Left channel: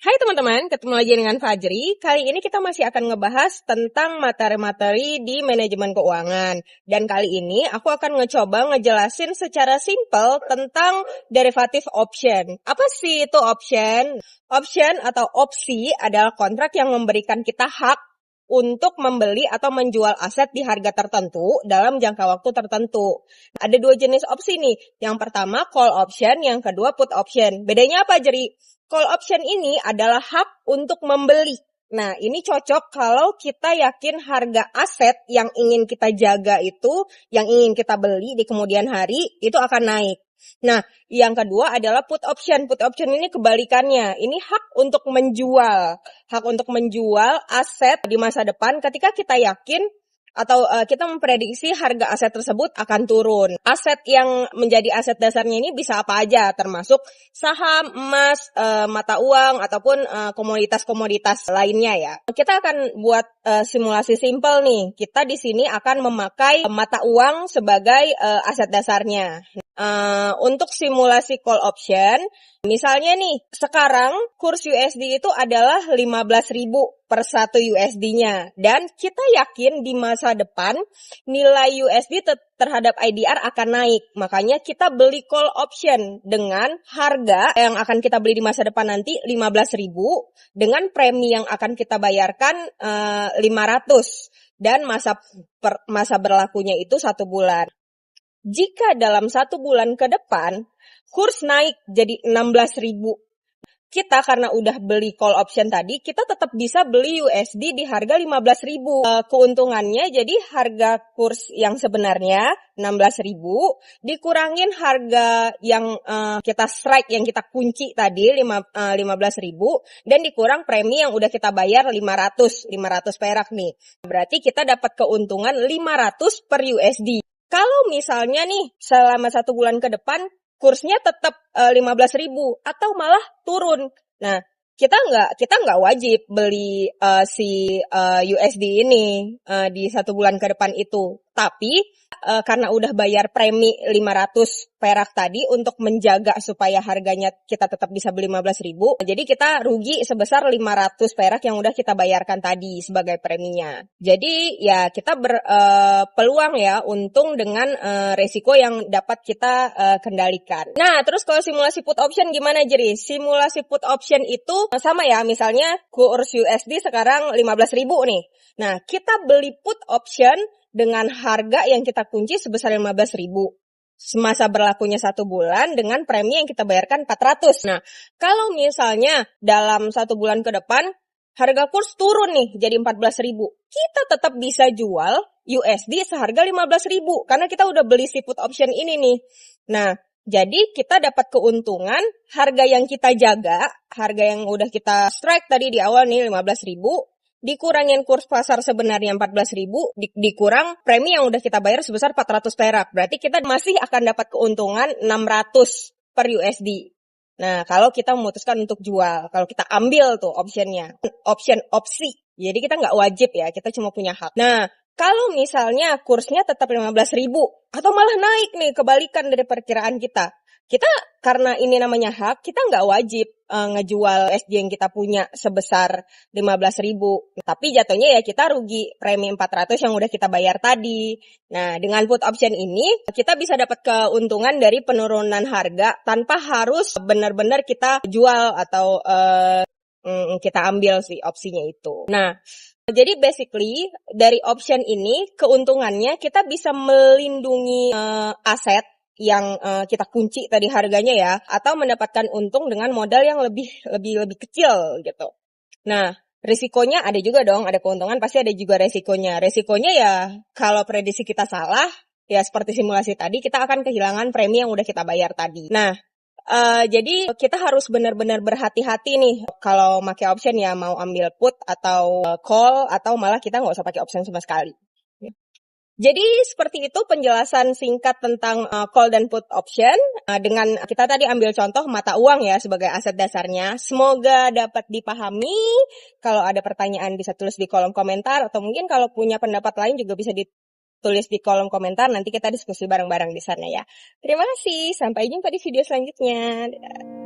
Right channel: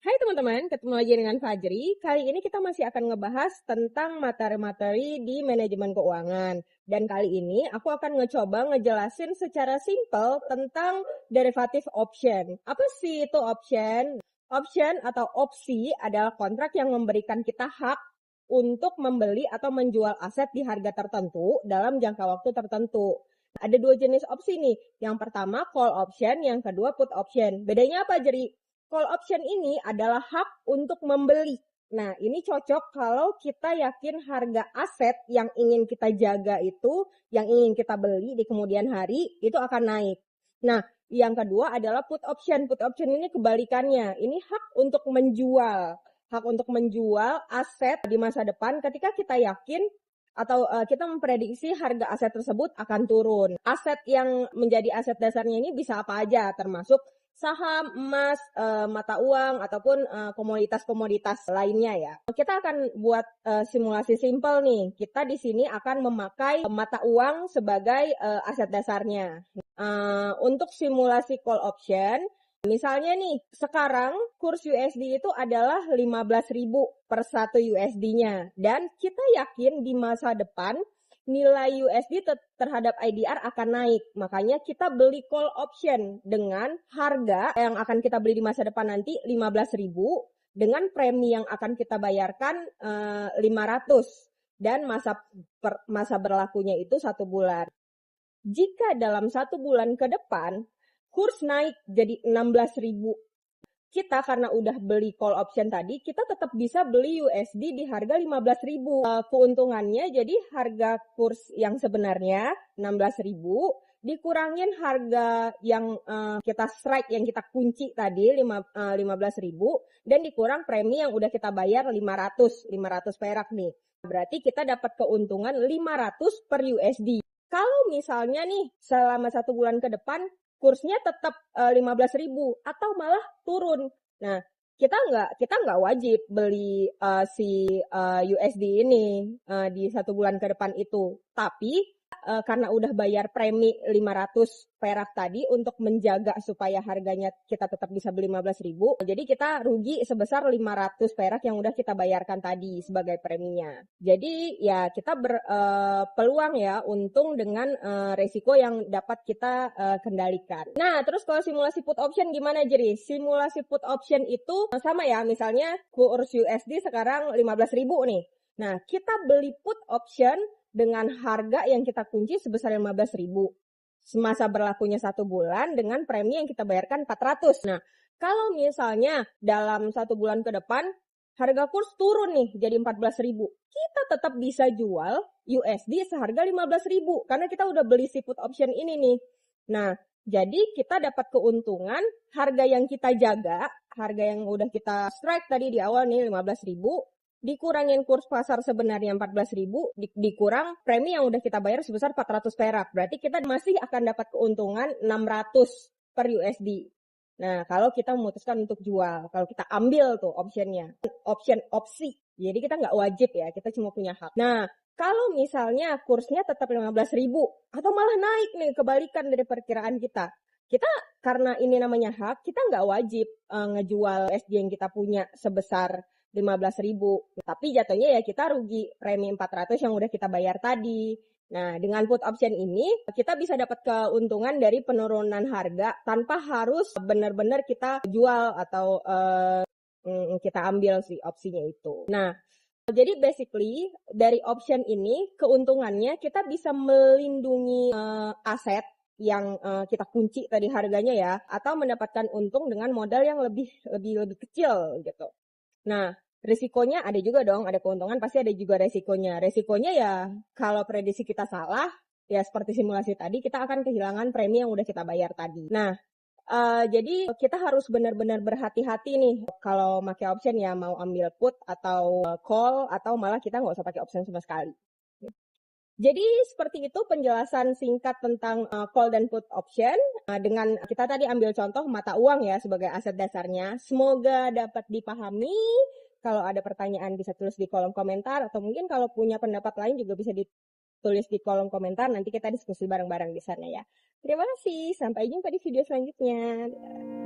Hai teman-teman, ketemu lagi dengan Fajri. Kali ini kita masih akan ngebahas tentang materi-materi di manajemen keuangan. Dan kali ini aku akan ngecoba ngejelasin secara simpel tentang derivative option. Apa sih itu option? Option atau opsi adalah kontrak yang memberikan kita hak untuk membeli atau menjual aset di harga tertentu dalam jangka waktu tertentu. Ada dua jenis opsi nih. Yang pertama call option, yang kedua put option. Bedanya apa, Jeri? Call option ini adalah hak untuk membeli. Nah, ini cocok kalau kita yakin harga aset yang ingin kita jaga itu, yang ingin kita beli di kemudian hari, itu akan naik. Nah, yang kedua adalah put option. Put option ini kebalikannya. Ini hak untuk menjual. Hak untuk menjual aset di masa depan ketika kita yakin atau kita memprediksi harga aset tersebut akan turun. Aset yang menjadi aset dasarnya ini bisa apa aja, termasuk saham, emas, mata uang, ataupun komoditas-komoditas lainnya ya. Kita akan buat simulasi simpel nih. Kita di sini akan memakai mata uang sebagai aset dasarnya. Untuk simulasi call option, misalnya nih, sekarang kurs USD itu adalah 15.000 per 1 USD-nya. Dan kita yakin di masa depan nilai USD terhadap IDR akan naik. Makanya kita beli call option dengan harga yang akan kita beli di masa depan nanti 15.000 dengan premi yang akan kita bayarkan 500 dan masa berlakunya itu 1 bulan. Jika dalam 1 bulan ke depan, kurs naik jadi 16.000. Kita karena udah beli call option tadi, kita tetap bisa beli USD di harga 15.000. Keuntungannya jadi harga kurs yang sebenarnya 16.000 dikurangin harga yang kita strike, yang kita kunci tadi 15.000 dan dikurang premi yang udah kita bayar 500 perak nih. Berarti kita dapat keuntungan 500 per USD. Kalau misalnya nih selama 1 bulan ke depan kursnya tetap 15.000 atau malah turun. Nah, kita nggak wajib beli si USD ini di 1 bulan ke depan itu. Tapi karena udah bayar premi 500 perak tadi untuk menjaga supaya harganya kita tetap bisa beli 15.000, jadi kita rugi sebesar 500 perak yang udah kita bayarkan tadi sebagai preminya. Jadi ya kita berpeluang ya untung dengan resiko yang dapat kita kendalikan. Nah, terus kalau simulasi put option gimana, Jeri? Simulasi put option itu sama ya, misalnya kurs USD sekarang 15.000 nih. Nah, kita beli put option dengan harga yang kita kunci sebesar 15.000. Masa berlakunya 1 bulan dengan premi yang kita bayarkan 400. Nah, kalau misalnya dalam 1 bulan ke depan harga kurs turun nih jadi 14.000, kita tetap bisa jual USD seharga 15.000 karena kita udah beli si put option ini nih. Nah, jadi kita dapat keuntungan harga yang kita jaga, harga yang udah kita strike tadi di awal nih 15.000, dikurangin kurs pasar sebenarnya 14.000, dikurang premi yang udah kita bayar sebesar 400 perak. Berarti kita masih akan dapat keuntungan 600 per USD. Nah, kalau kita memutuskan untuk jual, kalau kita ambil tuh optionnya, opsi. Jadi kita nggak wajib ya, kita cuma punya hak. Nah, kalau misalnya kursnya tetap 15.000 atau malah naik nih, kebalikan dari perkiraan kita karena ini namanya hak, kita nggak wajib ngejual USD yang kita punya sebesar 15.000. Tapi jatuhnya ya kita rugi premi 400 yang udah kita bayar tadi. Nah, dengan put option ini kita bisa dapat keuntungan dari penurunan harga tanpa harus benar-benar kita jual atau kita ambil si opsinya itu. Nah, jadi basically dari option ini keuntungannya kita bisa melindungi aset yang kita kunci tadi harganya ya, atau mendapatkan untung dengan modal yang lebih kecil gitu. Nah, risikonya ada juga dong, ada keuntungan pasti ada juga resikonya. Resikonya ya kalau prediksi kita salah, ya seperti simulasi tadi kita akan kehilangan premi yang udah kita bayar tadi. Nah, jadi kita harus benar-benar berhati-hati nih kalau pakai option ya, mau ambil put atau call atau malah kita nggak usah pakai option sama sekali. Jadi seperti itu penjelasan singkat tentang call dan put option dengan kita tadi ambil contoh mata uang ya sebagai aset dasarnya. Semoga dapat dipahami. Kalau ada pertanyaan bisa tulis di kolom komentar atau mungkin kalau punya pendapat lain juga bisa ditulis di kolom komentar. Nanti kita diskusi bareng-bareng di sana ya. Terima kasih. Sampai jumpa di video selanjutnya. Dadah.